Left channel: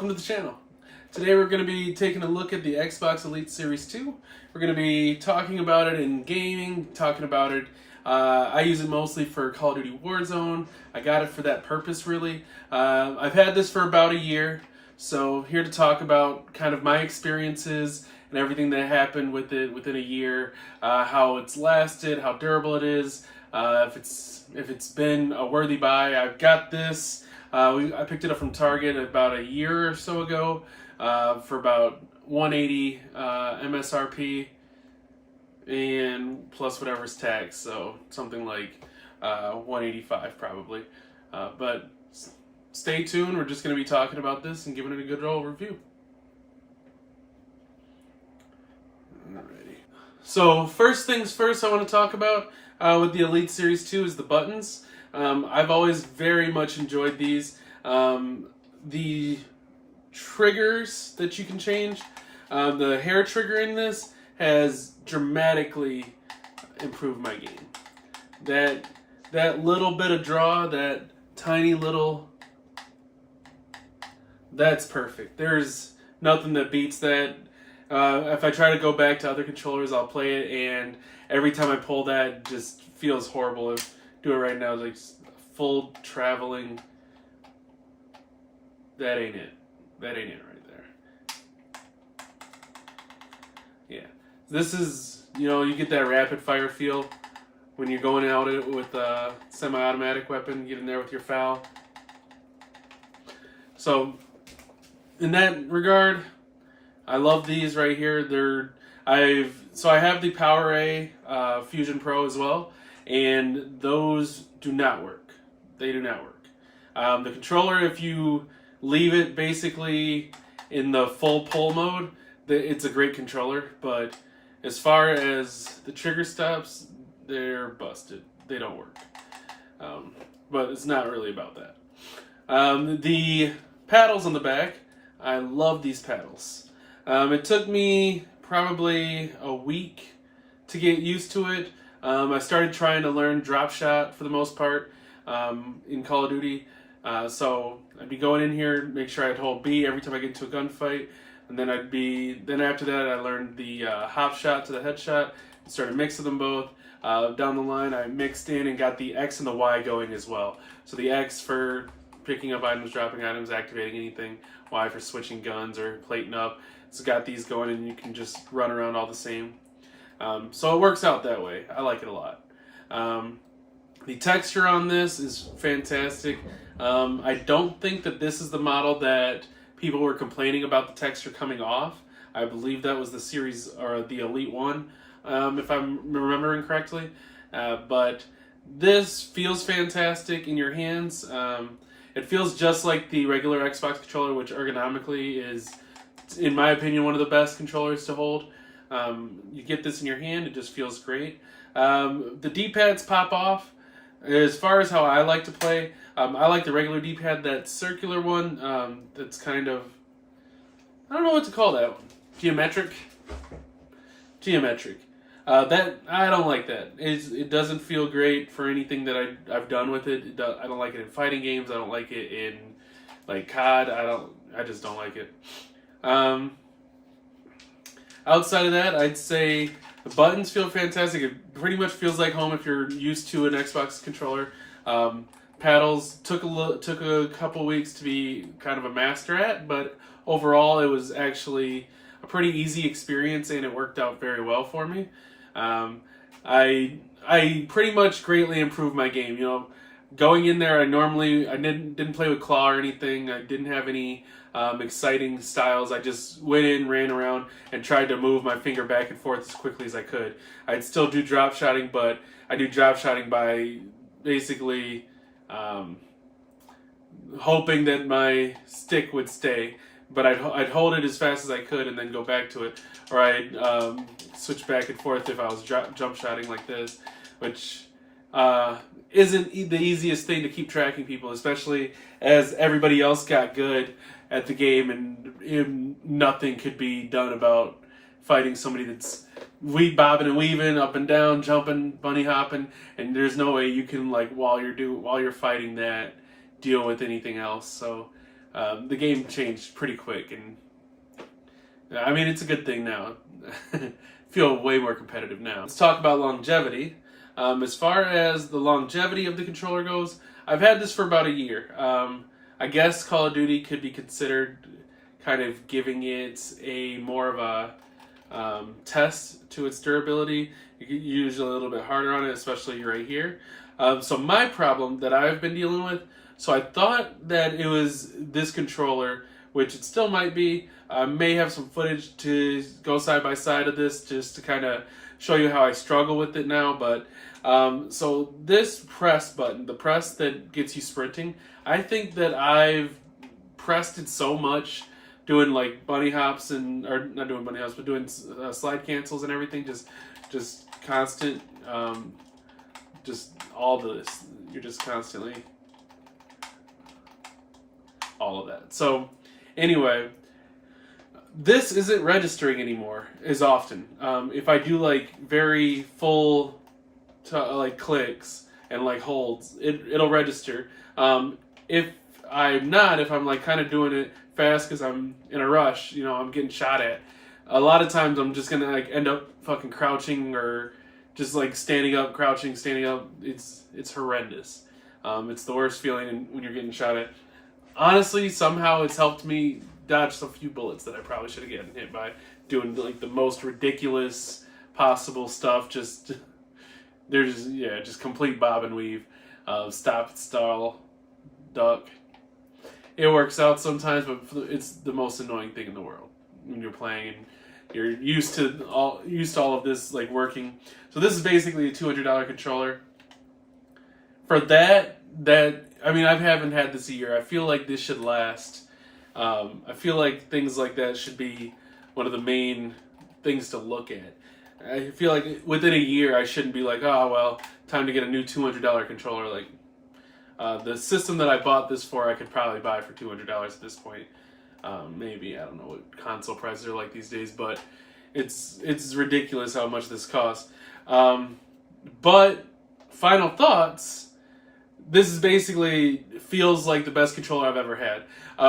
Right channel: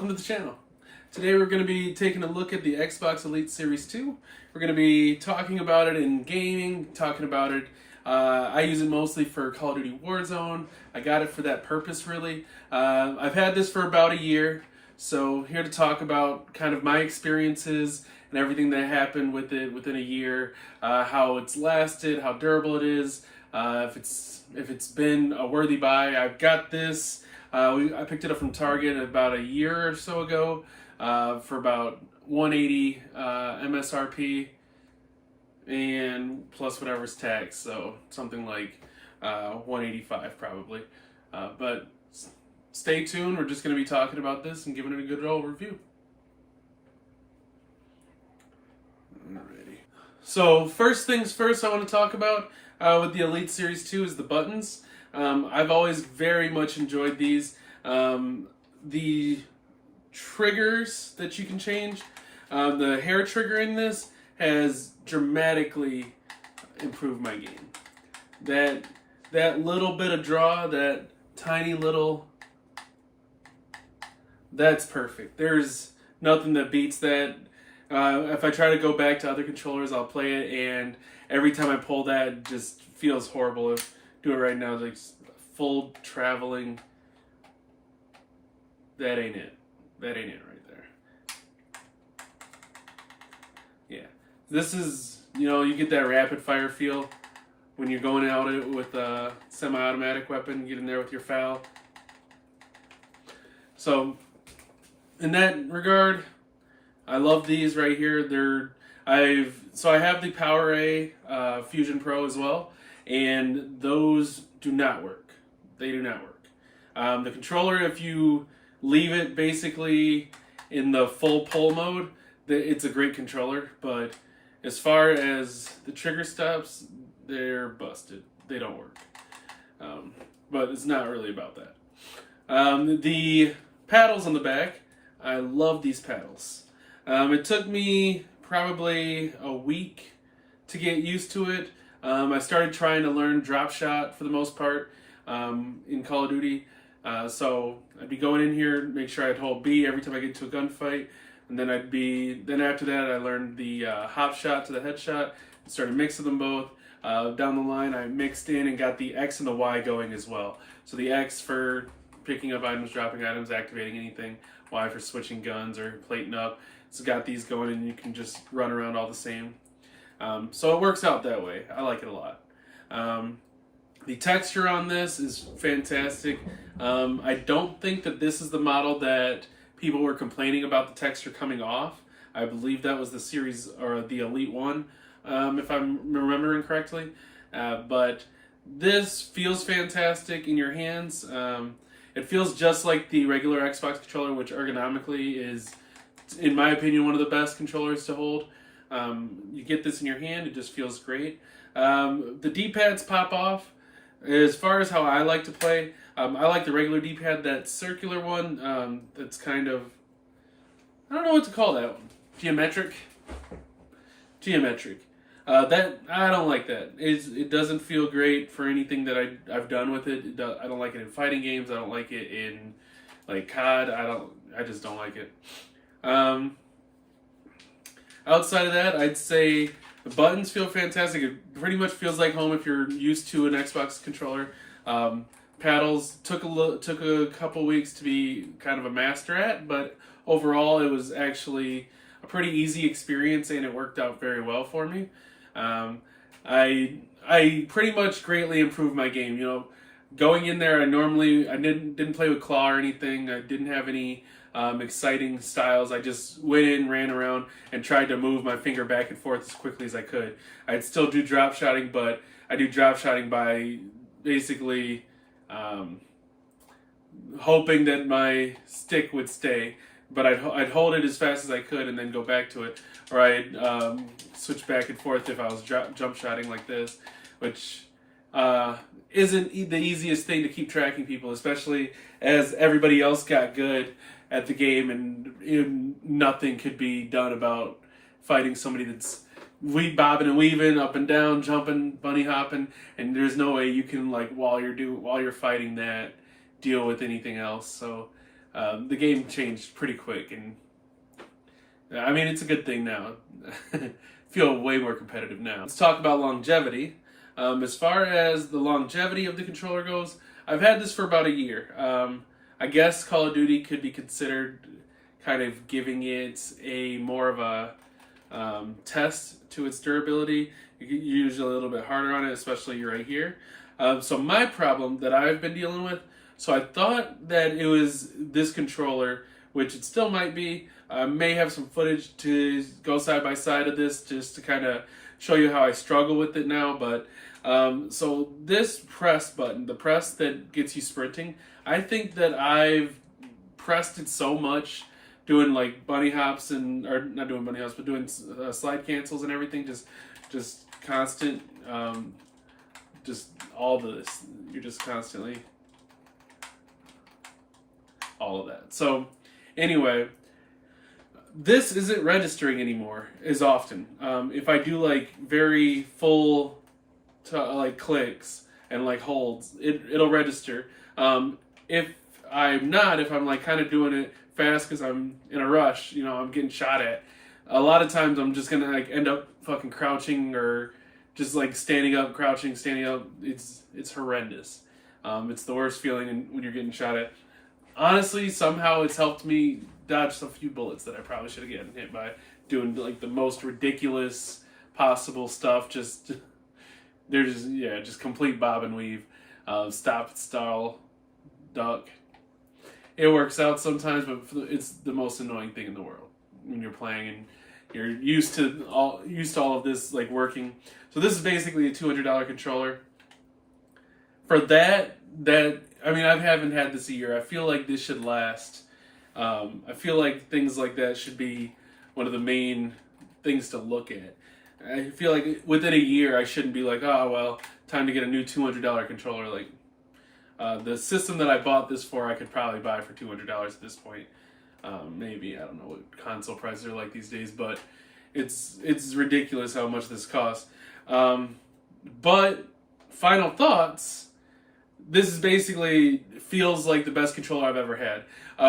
welcome to the channel. Today we're going to be taking a look at the Xbox Elite Series 2. We're going to be talking about it in gaming, talking about it. I use it mostly for Call of Duty Warzone. I got it for that purpose, really. I've had this for about a year, so here to talk about kind of my experiences and everything that happened with it within a year, how it's lasted, how durable it is, if it's been a worthy buy. I've got this. I picked it up from Target about a year or so ago for about $180 MSRP and plus whatever's taxed, so something like $185 probably. But stay tuned. We're just going to be talking about this and giving it a good old review. Alrighty. So first things first, I want to talk about with the Elite Series 2 is the buttons. I've always very much enjoyed these. The triggers that you can change, the hair trigger in this has dramatically improved my game. That little bit of draw, that tiny little, that's perfect. There's nothing that beats that. If I try to go back to other controllers, I'll play it, and every time I pull that, it just feels horrible. Do it right now, like full traveling. That ain't it. That ain't it right there. Yeah, this is, you get that rapid fire feel when you're going out with a semi-automatic weapon. Get in there with your FAL. So, in that regard, I love these right here. I have the PowerA Fusion Pro as well, and those do not work. They do not work. The controller, if you leave it basically in the full pull mode, it's a great controller, but as far as the trigger stops, they're busted. They don't work. But it's not really about that. The paddles on the back, I love these paddles. It took me probably a week to get used to it. I started trying to learn drop shot for the most part in Call of Duty. So I'd be going in here, make sure I'd hold B every time I get into a gunfight, and then after that I learned the hop shot to the headshot, and started mixing them both. Down the line I mixed in and got the X and the Y going as well. So the X for picking up items, dropping items, activating anything, Y for switching guns or plating up. So got these going and you can just run around all the same. So it works out that way. I like it a lot. The texture on this is fantastic. I don't think that this is the model that people were complaining about the texture coming off. I believe that was the series or the Elite one, if I'm remembering correctly. But this feels fantastic in your hands. It feels just like the regular Xbox controller, which ergonomically is, in my opinion, one of the best controllers to hold. You get this in your hand, it just feels great. The D-pads pop off. As far as how I like to play, I like the regular D-pad, that circular one, that's kind of, I don't know what to call that one. Geometric. That, I don't like that. It doesn't feel great for anything that I've done with it. I don't like it in fighting games. I don't like it in, like, COD. I just don't like it. Outside of that, I'd say the buttons feel fantastic. It pretty much feels like home if you're used to an Xbox controller. Paddles took a couple weeks to be kind of a master at, but overall it was actually a pretty easy experience and it worked out very well for me. I pretty much greatly improved my game. Going in there, I didn't play with claw or anything. I didn't have any exciting styles. I just went in, ran around, and tried to move my finger back and forth as quickly as I could. I'd still do drop shotting, but I do drop shotting by basically hoping that my stick would stay, but I'd hold it as fast as I could and then go back to it, or I'd switch back and forth if I was jump shotting like this, which isn't the easiest thing to keep tracking people, especially as everybody else got good at the game and nothing could be done about fighting somebody that's bobbing and weaving up and down, jumping, bunny hopping, and there's no way you can, like, while you're fighting that, deal with anything else. So the game changed pretty quick, and I mean it's a good thing now. Feel way more competitive now. Let's talk about longevity. As far as the longevity of the controller goes, I've had this for about a year. I guess Call of Duty could be considered kind of giving it a more of a test to its durability. Usually a little bit harder on it, especially right here. So my problem that I've been dealing with, so I thought that it was this controller, which it still might be. I may have some footage to go side by side of this just to kind of show you how I struggle with it now. But so this press button, the press that gets you sprinting, I think that I've pressed it so much doing like bunny hops or not doing bunny hops, but doing slide cancels and everything, just constant, just all this. You're just constantly all of that. So anyway, this isn't registering anymore as often. If I do like very full like clicks and like holds, it'll register. If I'm like kind of doing it fast because I'm in a rush, I'm getting shot at, a lot of times I'm just gonna like end up fucking crouching or just like standing up, crouching, standing up. It's horrendous. It's the worst feeling when you're getting shot at. Honestly, somehow it's helped me dodge a few bullets that I probably should have gotten hit by doing like the most ridiculous possible stuff. Just complete bob and weave, stop, stall, duck. It works out sometimes, but it's the most annoying thing in the world when you're playing and you're used to all of this like working. So this is basically a $200 controller. For that I mean, I haven't had this a year. I feel like this should last. I feel like things like that should be one of the main things to look at. I feel like within a year, I shouldn't be like, oh, well, time to get a new $200 controller. Like, the system that I bought this for, I could probably buy for $200 at this point. Maybe, I don't know what console prices are like these days, but it's ridiculous how much this costs. But, final thoughts, this is basically feels like the best controller I've ever had.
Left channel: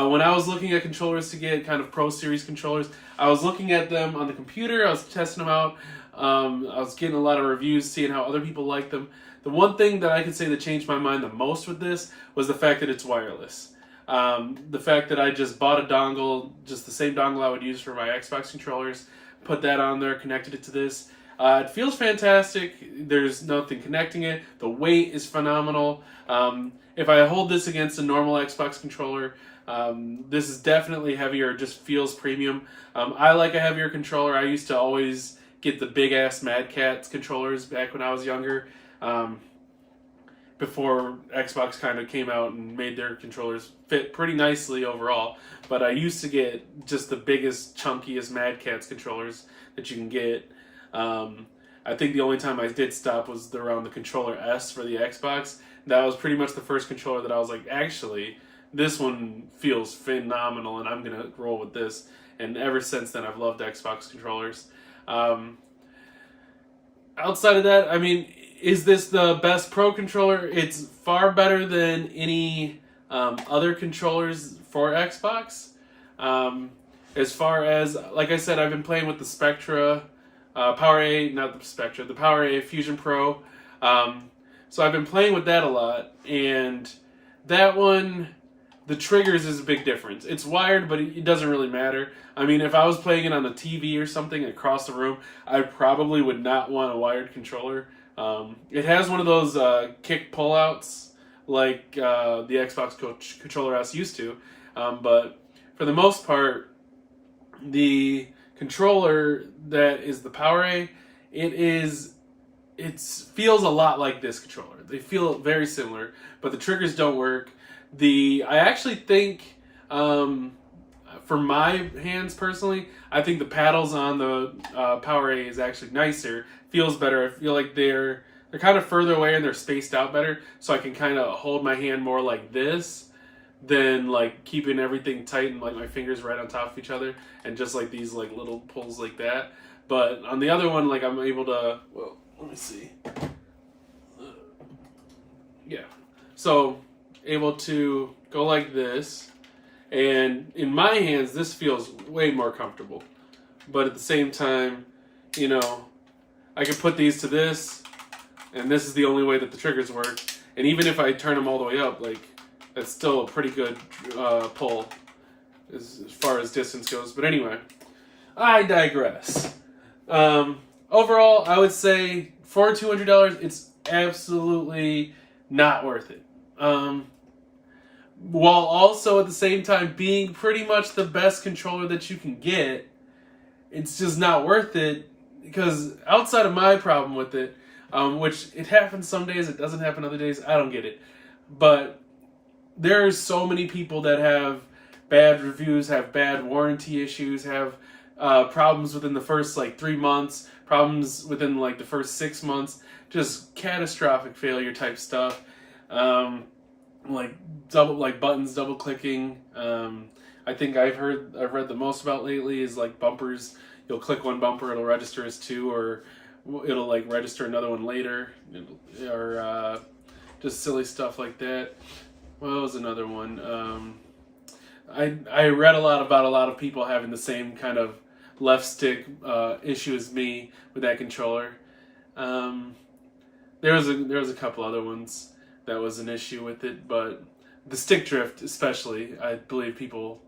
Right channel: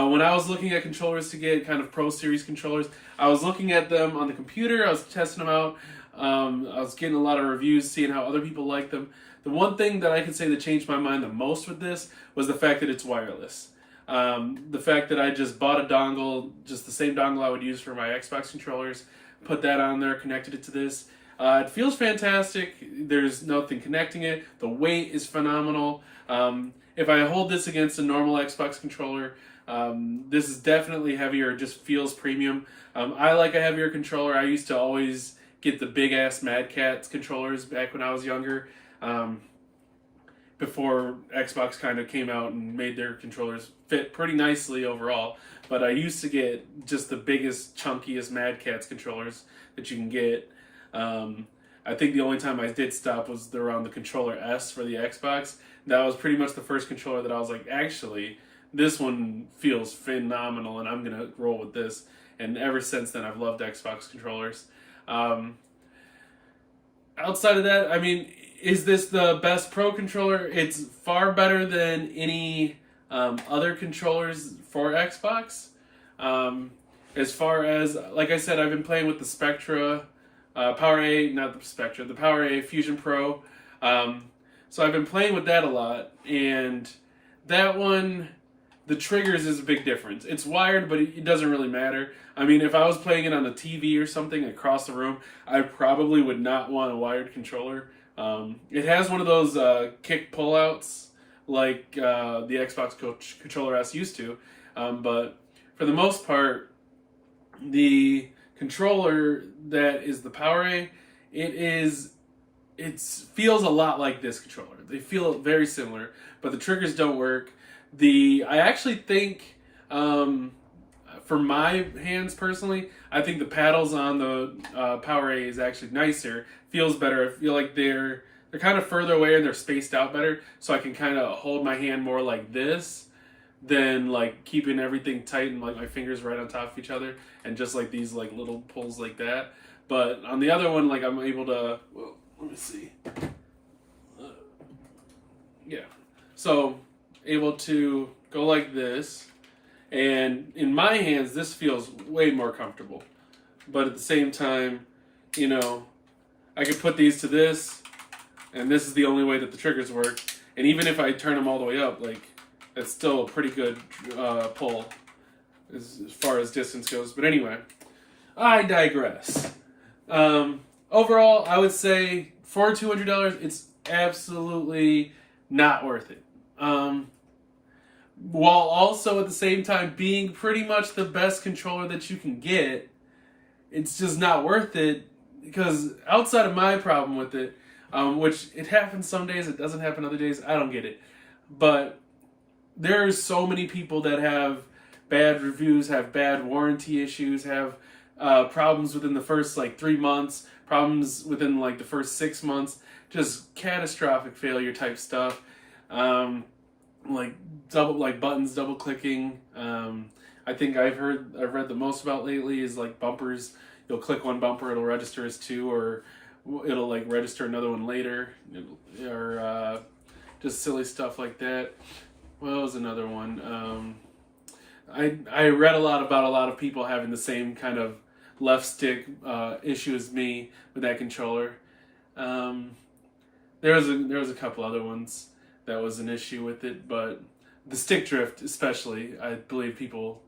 When I was looking at controllers to get kind of Pro Series controllers, I was looking at them on the computer, I was testing them out, I was getting a lot of reviews, seeing how other people like them. The one thing that I can say that changed my mind the most with this was the fact that it's wireless. The fact that I just bought a dongle, just the same dongle I would use for my Xbox controllers, put that on there, connected it to this. It feels fantastic. There's nothing connecting it. The weight is phenomenal. If I hold this against a normal Xbox controller, this is definitely heavier. It just feels premium. I like a heavier controller. I used to always get the big ass Mad Catz controllers back when I was younger. Before Xbox kind of came out and made their controllers fit pretty nicely overall. But I used to get just the biggest, chunkiest Mad Catz controllers that you can get. I think the only time I did stop was around the controller S for the Xbox. That was pretty much the first controller that I was like, actually, this one feels phenomenal and I'm going to roll with this. And ever since then, I've loved Xbox controllers. Outside of that, I mean, is this the best Pro controller? It's far better than any other controllers for Xbox. As far as, like I said, I've been playing with the Spectra, the Power A Fusion Pro. So I've been playing with that a lot, and that one, the triggers is a big difference. It's wired, but it doesn't really matter. I mean, if I was playing it on the TV or something across the room, I probably would not want a wired controller. It has one of those kick pullouts like the Xbox Controller S used to, but for the most part, the controller that is the Power A, it feels a lot like this controller. They feel very similar, but the triggers don't work. I actually think, for my hands personally, I think the paddles on the Power A is actually nicer. Feels better. I feel like they're kind of further away and they're spaced out better, so I can kind of hold my hand more like this than like keeping everything tight and like my fingers right on top of each other and just like these like little pulls like that. But on the other one, like I'm able to, well, let me see. Yeah. So able to go like this And in my hands, this feels way more comfortable. But at the same time, you know, I can put these to this, and this is the only way that the triggers work. And even if I turn them all the way up, like, that's still a pretty good pull as far as distance goes. But anyway, I digress. Overall, I would say for $200, it's absolutely not worth it. While also at the same time being pretty much the best controller that you can get, it's just not worth it, because outside of my problem with it, which it happens some days, it doesn't happen other days, I don't get it. But there's so many people that have bad reviews, have bad warranty issues, have problems within the first like 3 months, problems within like the first 6 months, just catastrophic failure type stuff. Like buttons double clicking. I think I've read the most about lately is like bumpers. You'll click one bumper, it'll register as two, or it'll like register another one later, or just silly stuff like that. What was another one? I read a lot about a lot of people having the same kind of left stick issue as me with that controller. There was a couple other ones that was an issue with it, but the stick drift especially, I believe people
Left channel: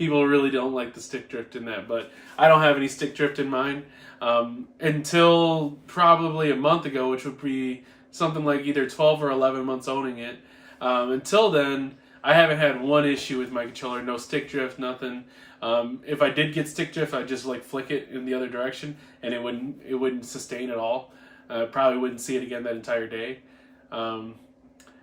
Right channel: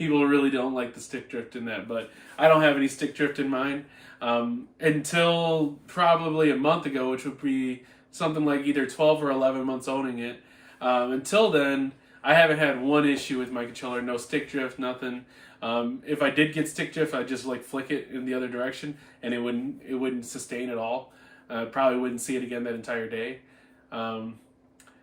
really don't like the stick drift in that. But I don't have any stick drift in mine until probably a month ago, which would be something like either 12 or 11 months owning it. Until then, I haven't had one issue with my controller. No stick drift, nothing. If I did get stick drift, I'd just like flick it in the other direction, and it wouldn't sustain at all. Probably wouldn't see it again that entire day.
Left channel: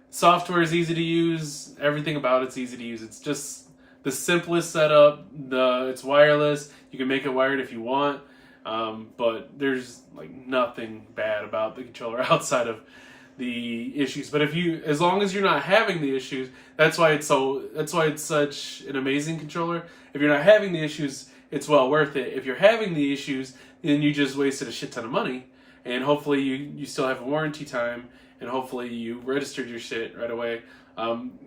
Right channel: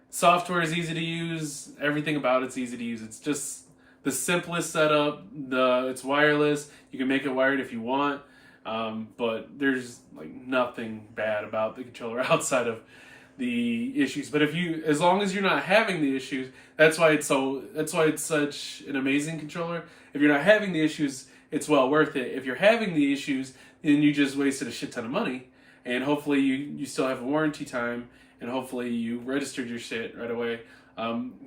Software is easy to use. Everything about it's easy to use. It's just the simplest setup. It's wireless. You can make it wired if you want, but there's like nothing bad about the controller outside of the issues. But as long as you're not having the issues, that's why it's such an amazing controller. If you're not having the issues, it's well worth it. If you're having the issues, then you just wasted a shit ton of money, and hopefully you still have a warranty time, and hopefully you registered your shit right away.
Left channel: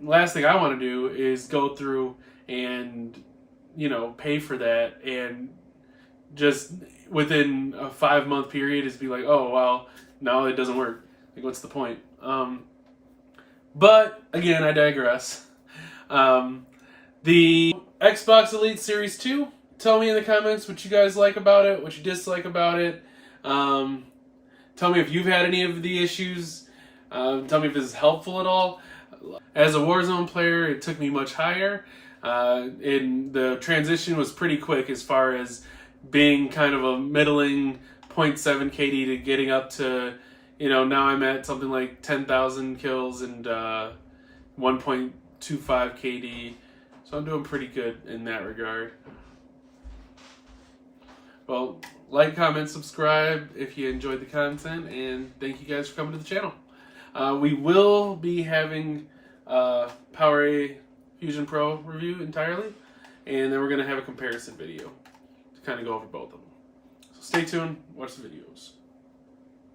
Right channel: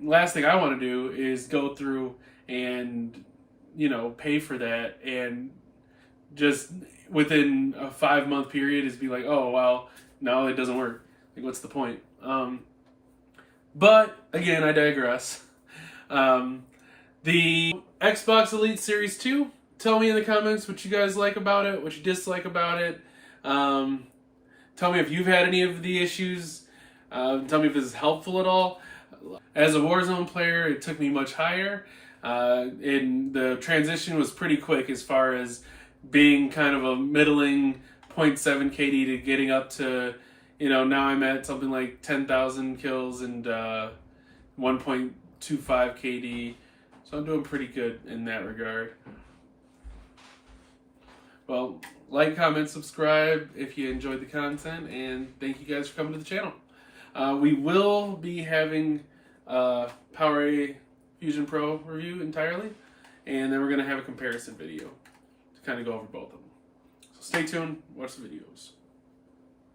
Last thing I want to do is go through and pay for that, and just within a 5-month period is be like, oh well, no, it doesn't work. Like, what's the point? But again, I digress. The Xbox Elite Series 2, tell me in the comments what you guys like about it, what you dislike about it. Tell me if you've had any of the issues. Tell me if this is helpful at all. As a Warzone player, it took me much higher. And the transition was pretty quick as far as being kind of a middling 0.7 KD to getting up to, now I'm at something like 10,000 kills and 1.25 KD. So I'm doing pretty good in that regard. Well, like, comment, subscribe if you enjoyed the content, and thank you guys for coming to the channel. We will be having PowerA Fusion Pro review entirely, and then we're going to have a comparison video to kind of go over both of them. So stay tuned, watch the videos.